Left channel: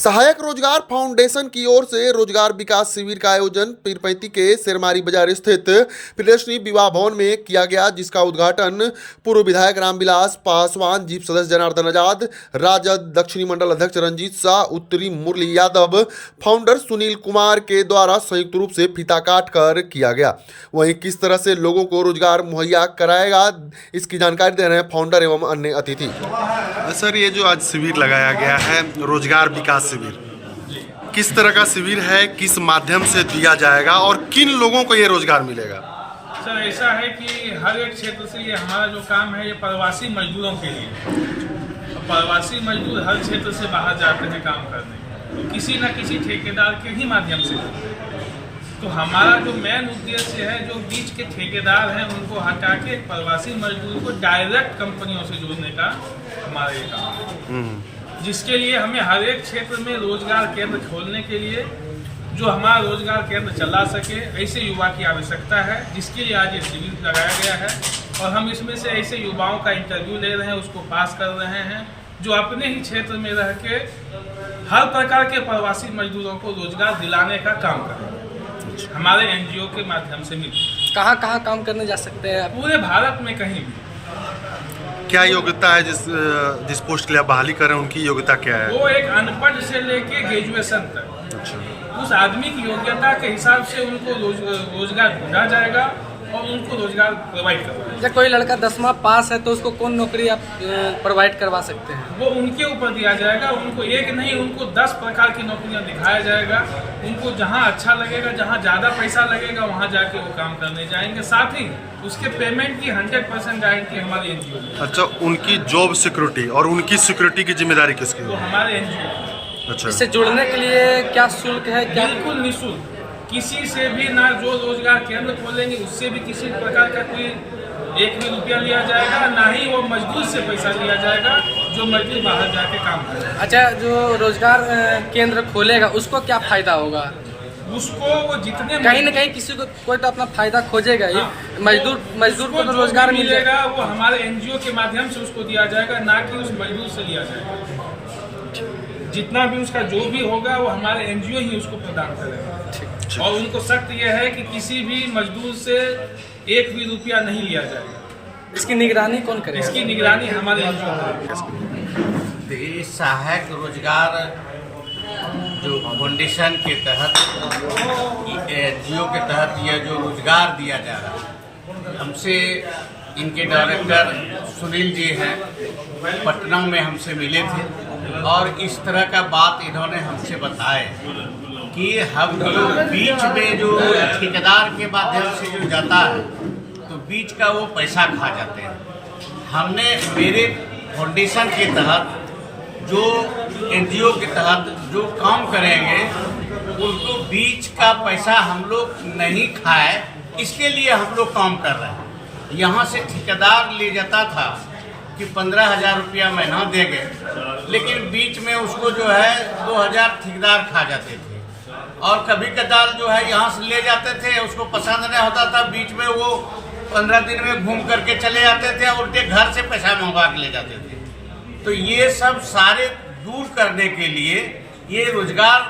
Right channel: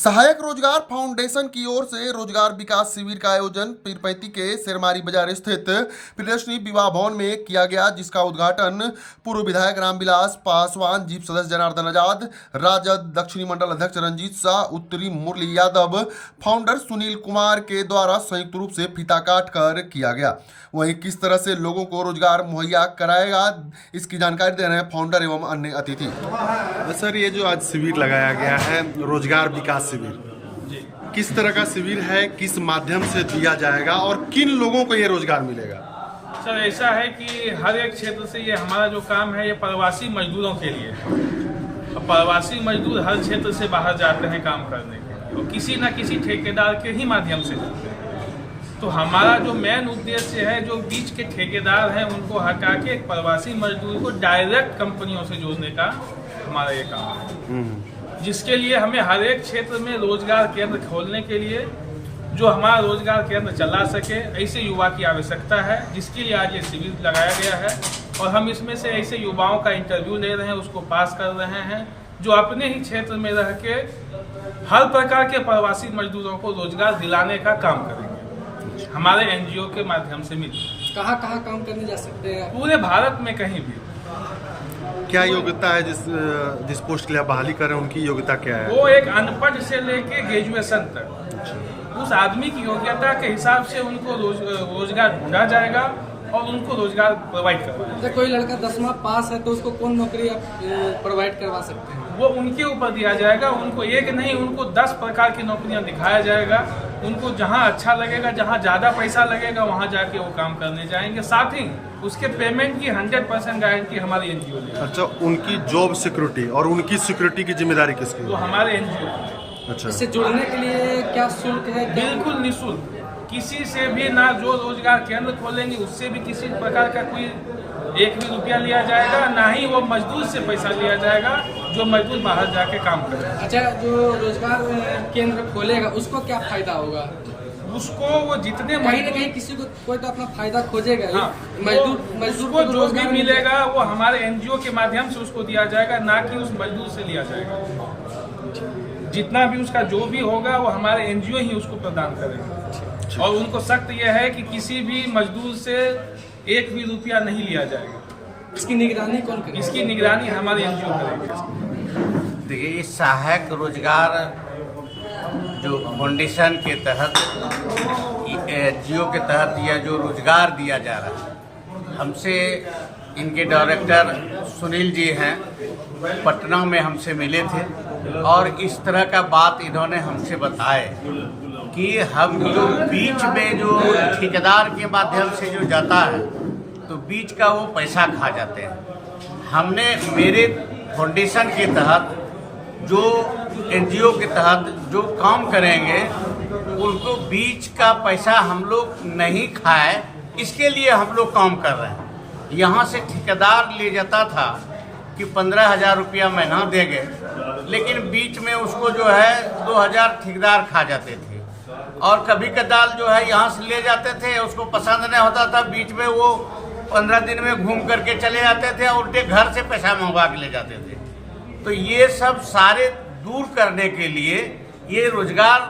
सहायक रोजगार फाउंडेशन की ओर से रोजगार विकास शिविर का आयोजन पीरपैंती के शेरमारी बाजार स्थित प्रियदर्शनी विवाह भवन में किया गया, जिसका उद्घाटन पूर्व विधायक रामविलास पासवान, जीप सदस्य जनार्दन आजाद, राजद दक्षिणी मंडल अध्यक्ष रंजीत शाह, उत्तरी मुरली यादव, फाउंडर सुनील कुमार के द्वारा संयुक्त रूप से फीता काट कर किया गया। वहीं किस तरह से लोगों को रोजगार मुहैया कराएगा, इसकी जानकारी दे रहे हैं फाउंडर एवं अन्य अतिथि। सर, ये जो आज शिविर लगाया गया है रोजगार विकास शिविर, किस तरह का शिविर है, किस माध्यम से दिया जाएगा और किन लोगों को ये रोजगार मिलेगा? सर, ऐसा है कि हर एक क्षेत्र से ये हमारा जो काम है ये प्रवासी मजदूरों के लिए। अब प्रवासी मजदूर हर क्षेत्र से बाहर जाते हैं काम करने के, तो किसी न किसी ठेकेदार के ही माध्यम से जाते हैं। तो हमारा जो मेन उद्देश्य है, जो बीच के ठेकेदार हैं उनको हटा के प्रवासी मजदूर को डायरेक्ट कंपनियों से जोड़ने का हमारा ये काम है, जिसके लिए हमें हर एक क्षेत्र में रोजगार केंद्र खोलने के लिए जो हमारा रोजगार केंद्र चला सके, ऐसे युवा की आवश्यकता है, जिसके लिए आज ये शिविर लगाया गया है। और हम इसमें से ऐसे युवाओं का इंटरव्यू ले रहे हैं, उसको पास कर रहे हैं, जो अपने ही क्षेत्र में रह के हर प्रकार के प्रवासी मजदूरों को रोजगार दिलाने का काम करेंगे। हमारे एनजीओ के माध्यम से मिल कहाँ कहाँ काम करने जा सकते हैं? पूरे भारत में कहीं भी। क्या योग्यता है जिस पोस्ट के लिए आप बहाली कर रहे हैं, उनकी योग्यता क्या है? वो एक अनपढ़ से लेके ग्रेजुएशन तक उस आदमी की योग्यता के हिसाब से उनको रोजगार ढूंढा जाएगा और उनको रोजगार प्रोवाइड करवाया। जब कोई लड़का 10वां पास है तो उसको कौन नौकरी आप प्रोवाइड करवा सकते हैं? वो उनके ऊपर दिया जाएगा। उनको एक नहीं, उनको 10 प्रकार की नौकरियां दिखाया जाएगा। उनको जहां अच्छा लगेगा, जहां ज़्यादा पैसा लगेगा, वहां जाके वो काम करने जाएंगे। साथ ही उसके पेमेंट की 100% गारंटी हमारी एनजीओ ने। अच्छा, उनकी जॉब सिक्योरिटी और उनकी सिक्योरिटी की जिम्मेदारी किसकी? वो हमारे एनजीओ। अच्छा, इससे जुड़ने के लिए क्या शुल्क है? बिल्कुल निःशुल्क, किसी से भी ना, जो रोजगार केंद्र खोलेंगे उससे भी किसी प्रकार का कोई 1 भी रुपया लिया जाएगा, ना ही वो मजदूर से पैसा लिया जाएगा जो मजदूर बाहर जाके काम करे। अच्छा, जो रोजगार केंद्र खोलेगा उसको क्या फायदा होगा? उसको वो जितने कहीं न कहीं किसी को कोई तो अपना फायदा खोजेगा ही। हाँ, मजदूर को तो रोजगार मिलेगा, वो हमारे एनजीओ के माध्यम से उसको दिया जाएगा, ना कि उस मजदूर से लिया जाएगा। जितना भी उसका जो भी होगा वो हमारे एनजीओ ही उसको प्रदान करेगा। और उनको सख्त यह है कि किसी भी मजदूर से 1 भी रुपया नहीं लिया जाएगा। इसकी निगरानी कौन करेगा? इसकी निगरानी हमारे एनजीओ करेगा। देखिए, सहायक रोजगार जो फाउंडेशन के तहत, एनजीओ के तहत यह जो रोजगार दिया जा रहा है, हमसे इनके डायरेक्टर सुनील जी हैं, पटना में हमसे मिले थे और इस तरह का बात इन्होंने हमसे बताए कि हम जो बीच में जो ठेकेदार के माध्यम से जो जाता है तो बीच का वो पैसा खा जाते हैं। हमने मेरे फाउंडेशन के तहत जो एनजीओ के तहत जो काम करेंगे उनको बीच का पैसा हम लोग नहीं खाए, इसके लिए हम लोग काम कर रहे हैं। यहाँ से ठेकेदार ले जाता था कि 15,000 रुपया महीना देंगे, लेकिन बीच में उसको जो है 2,000 ठेकेदार खा जाते थे। और कभी कदार जो है यहाँ से ले जाते थे, उसको पसंद नहीं होता था, बीच में वो 15 दिन में घूम करके चले जाते थे और उनके घर से पैसा मंगवा के ले जाते थे। तो ये सब सारे दूर करने के लिए ये रोजगार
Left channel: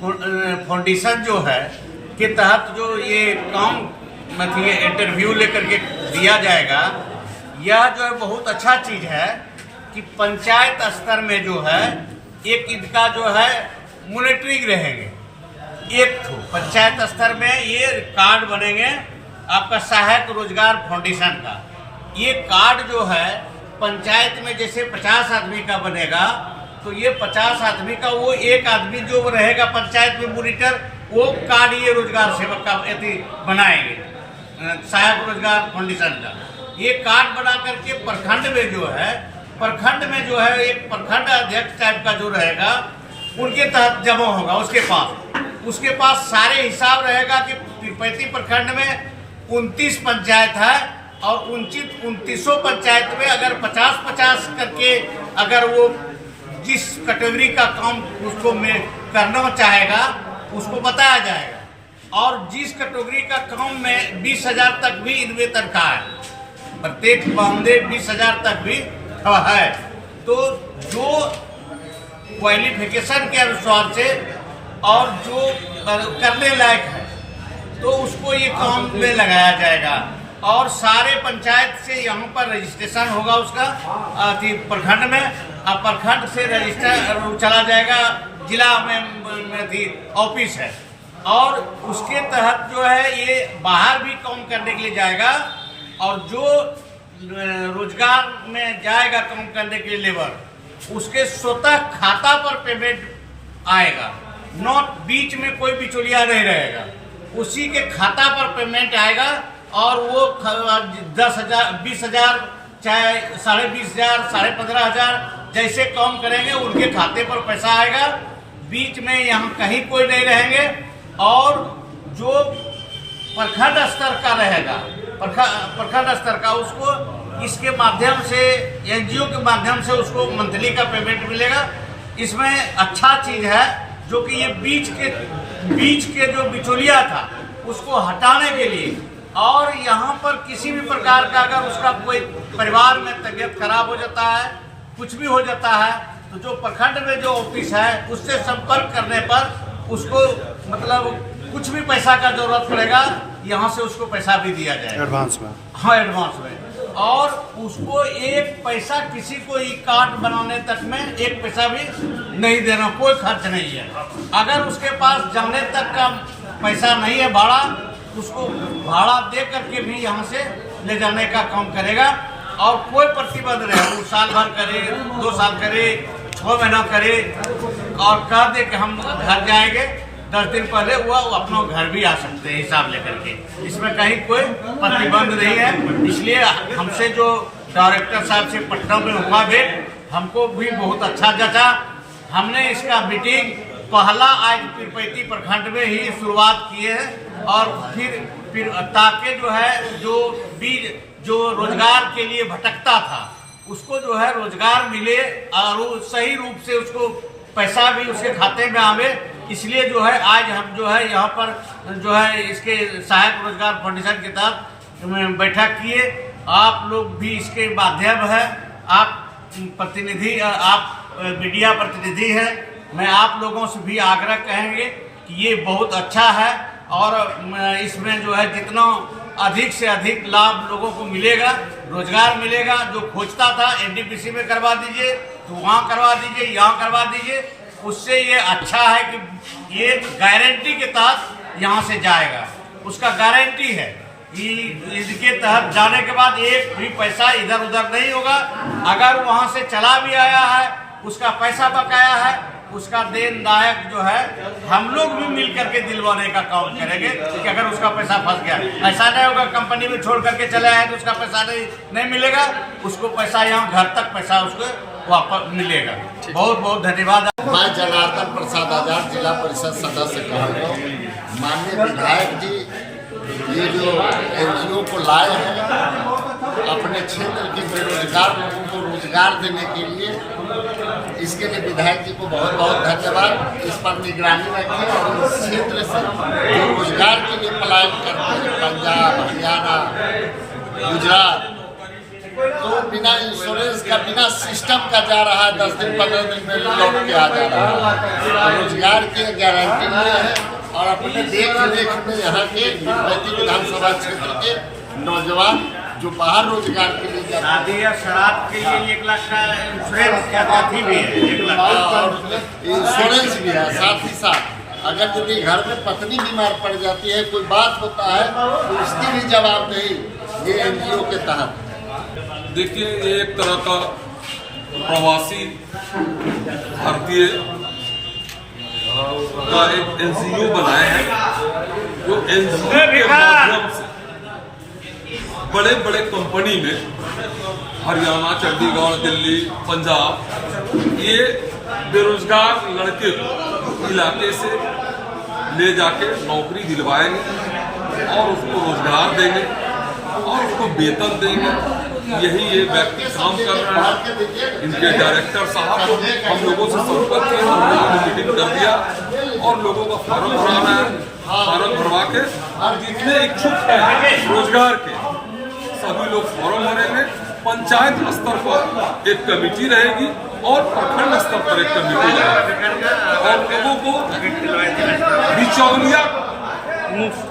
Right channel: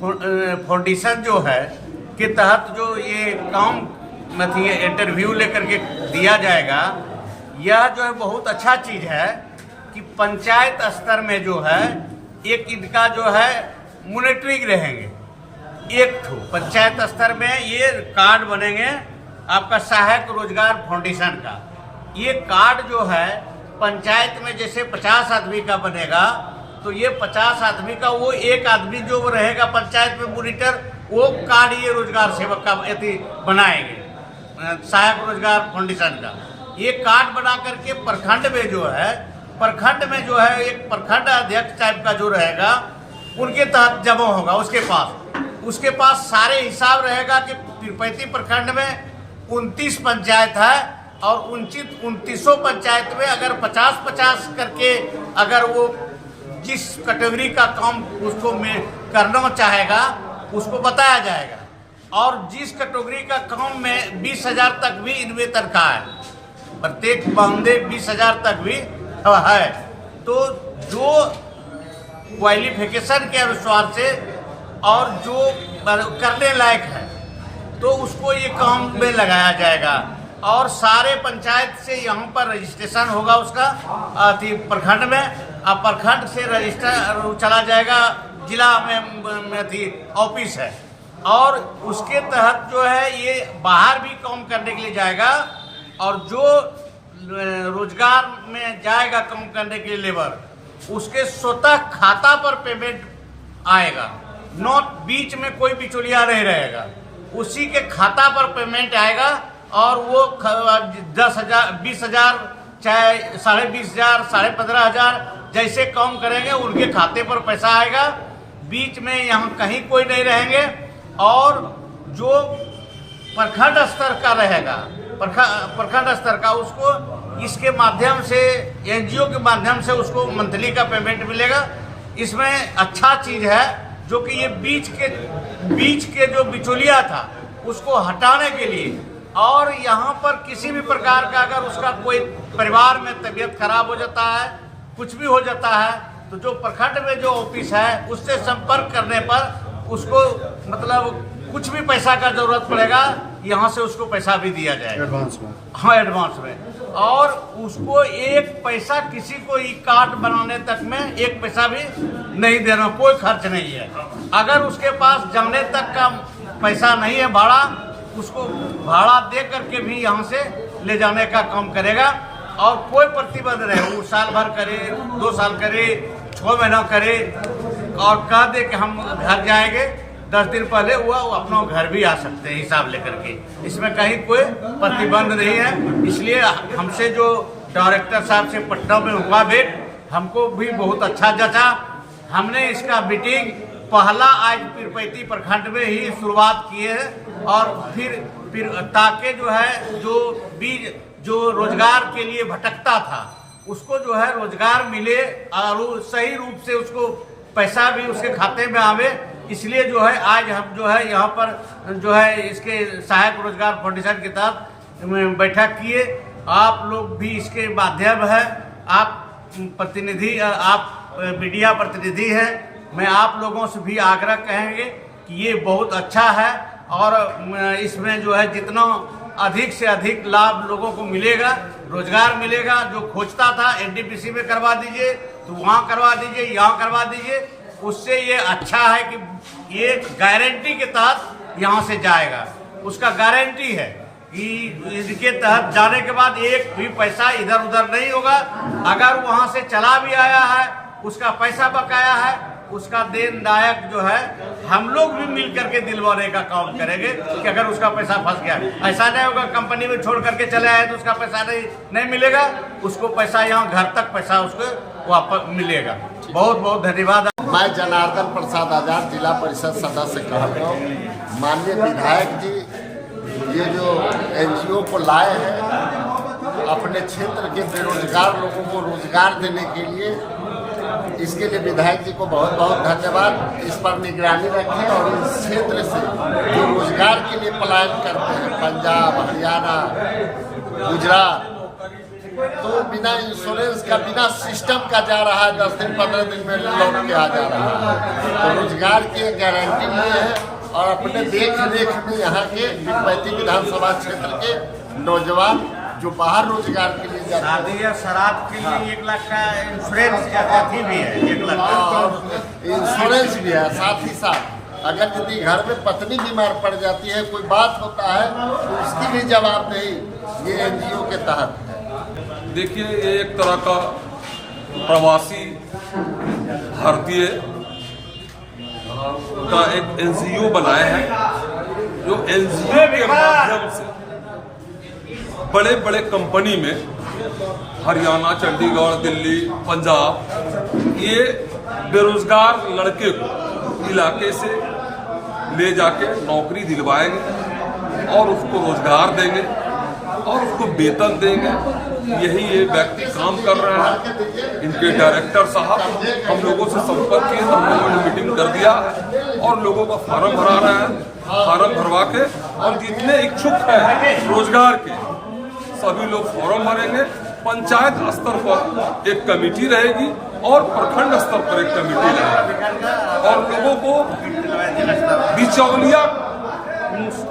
फाउंडेशन जो है के तहत जो ये काम इंटरव्यू लेकर के दिया जाएगा, यह जो है बहुत अच्छा चीज़ है कि पंचायत स्तर में जो है एक इनका जो है मॉनिटरिंग रहेंगे। एक ठो पंचायत स्तर में ये कार्ड बनेंगे आपका सहायक रोजगार फाउंडेशन का। ये कार्ड जो है पंचायत में जैसे 50 आदमी का बनेगा, तो ये 50 आदमी का वो एक आदमी जो रहेगा पंचायत में मॉनिटर, वो कार्ड ये रोजगार सेवक का बनाएंगे सहायक रोजगार फाउंडेशन का। ये कार्ड बना करके प्रखंड में जो है एक प्रखंड अध्यक्ष टाइप का जो रहेगा उनके तहत जमा होगा। उसके पास सारे हिसाब रहेगा कि पीरपैंती प्रखंड में 29 पंचायत है और 29 पंचायत में अगर 50-50 करके अगर वो जिस कैटेगरी का काम उसको में करना चाहेगा उसको बताया जाएगा। और जिस कैटेगरी का काम में 20,000 तक भी इनमें तनख्वाह है, प्रत्येक बंदे 20,000 तक भी है। तो जो क्वालिफिकेशन के अनुसार से और जो करने लायक है तो उसको ये काम में लगाया जाएगा। और सारे पंचायत से यहाँ पर रजिस्ट्रेशन होगा उसका प्रखंड में, अब प्रखंड से रजिस्टर चला जाएगा जिला में ऑफिस है, और उसके तहत जो है ये बाहर भी काम करने के लिए जाएगा। और जो रोजगार में जाएगा काम करने के लिए लेबर, उसके स्वतः खाता पर पेमेंट आएगा, नॉट बीच में कोई बिचौलिया नहीं रहेगा, उसी के खाता पर पेमेंट आएगा। और वो 10,000 20,000 चाहे 20,500 15,500 जैसे काम करेंगे उनके खाते पर पैसा आएगा, बीच में यहाँ कहीं कोई नहीं रहेंगे। और जो प्रखंड स्तर का रहेगा, प्रखंड स्तर का, उसको इसके माध्यम से एनजीओ के माध्यम से उसको मंथली का पेमेंट मिलेगा। इसमें अच्छा चीज है जो कि ये बीच के जो बिचौलिया था उसको हटाने के लिए, और यहाँ पर किसी भी प्रकार का अगर उसका कोई परिवार में तबीयत खराब हो जाता है, कुछ भी हो जाता है, तो जो प्रखंड में जो ऑफिस है उससे संपर्क करने पर उसको मतलब कुछ भी पैसा का जरूरत पड़ेगा, यहाँ से उसको पैसा भी दिया जाएगा एडवांस में। हाँ, एडवांस में। और उसको एक पैसा किसी को ई कार्ड बनाने तक में एक पैसा भी नहीं देना, कोई खर्च नहीं है। अगर उसके पास जाने तक का पैसा नहीं है भाड़ा, उसको भाड़ा दे करके भी यहाँ से ले जाने का काम करेगा। और कोई प्रतिबंध रहे, वो साल भर करे, 2 साल करे, 6 महीना करे, और कह दे कि हम घर जाएंगे 10 दिन पहले, वो अपना घर भी आ सकते हैं हिसाब लेकर के। इसमें कहीं कोई प्रतिबंध नहीं है। इसलिए हमसे जो डायरेक्टर साहब से पटना में हुआ भेंट, हमको भी बहुत अच्छा जचा। हमने इसका मीटिंग पहला आज पीरपैती प्रखंड में ही शुरुआत किए है, और फिर ताकि जो है जो रोजगार के लिए भटकता था उसको जो है रोजगार मिले, और सही रूप से उसको पैसा भी उसके खाते में आवे। इसलिए जो है आज हम जो है यहाँ पर जो है इसके सहायक रोजगार फाउंडेशन के तहत बैठक किए। आप लोग भी इसके माध्यम है, आप प्रतिनिधि, आप मीडिया प्रतिनिधि हैं, मैं आप लोगों से भी आग्रह कहेंगे कि ये बहुत अच्छा है, और इसमें जो है जितना अधिक से अधिक लाभ लोगों को मिलेगा, रोजगार मिलेगा। जो खोजता था एनटीपीसी में करवा दीजिए, तो वहाँ करवा दीजिए, यहाँ करवा दीजिए, उससे ये अच्छा है कि ये गारंटी के तहत यहाँ से जाएगा। उसका गारंटी है कि इसके तहत जाने के बाद एक भी पैसा इधर उधर नहीं होगा। अगर वहाँ से चला भी आया है, उसका पैसा बकाया है, उसका देनदायक जो है हम लोग भी मिल करके दिलवाने का काम करेंगे कि अगर उसका पैसा फंस गया, ऐसा नहीं होगा कंपनी में छोड़ करके चले आए तो उसका पैसा नहीं मिलेगा, उसको पैसा यहाँ घर तक पैसा उसको वापस मिलेगा। बहुत बहुत धन्यवाद। मैं जनार्दन प्रसाद आजाद, जिला परिषद सदस्य कह रहा हूँ। माननीय विधायक जी ये जो एनजीओ को लाए हैं अपने क्षेत्र के बेरोजगार लोगों को रोजगार देने के लिए, इसके लिए विधायक जी को बहुत बहुत धन्यवाद। इस पर निगरानी रखें और इस क्षेत्र से जो रोजगार के लिए पलायन करते हैं पंजाब, हरियाणा, गुजरात, तो बिना इंश्योरेंस का, बिना सिस्टम का जा रहा है, 10 दिन 15 दिन में लौट के आ जा रहा है। तो रोजगार की गारंटी लिए है, और अपने देख रेख में यहाँ के पीरपैती विधानसभा क्षेत्र के नौजवान जो बाहर रोजगार के लिए जाते हैं, शादी या शराब के लिए 1 लाख का इंश्योरेंस की अथी भी है, 1 लाख और इंश्योरेंस भी है। साथ ही साथ अगर यदि घर में पत्नी बीमार पड़ जाती है, कोई बात होता है, तो उसकी भी जवाबदेही ये एनजीओ के तहत है। देखिए, ये एक तरह का प्रवासी भारतीय का एक एनजीओ बनाए हैं, जो एनजीओ के माध्यम से बड़े बड़े कंपनी में हरियाणा, चंडीगढ़, दिल्ली, पंजाब, ये बेरोजगार लड़के को इलाके से ले जाके नौकरी दिलवाएंगे और उसको रोजगार देंगे और उसको वेतन देंगे। यही ये व्यक्ति काम कर रहा है। इनके डायरेक्टर साहब हम लोगों से संपर्क किए, हम लोगों ने मीटिंग कर दिया और लोगों का फार्म भरा रहा है। फार्म भरवा के और जितने इच्छुक हैं रोजगार के, सभी लोग फॉर्म भरेंगे पंचायत स्तर पर एक कमेटी रहेगी और प्रखंड स्तर पर एक कमेटी रहेगी और लोगों को बिचौलिया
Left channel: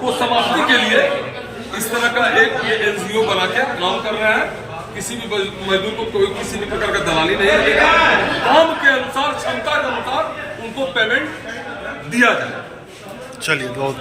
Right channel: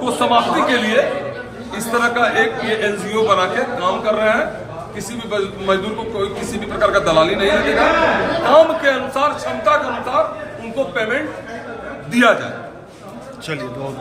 को समाप्ति के लिए इस तरह का एक ये एनजीओ बना के काम कर रहे हैं। किसी भी मजदूर को कोई किसी भी प्रकार का दलाली नहीं लगेगा, काम के अनुसार क्षमता के अनुसार उनको पेमेंट दिया जाए। चलिए बहुत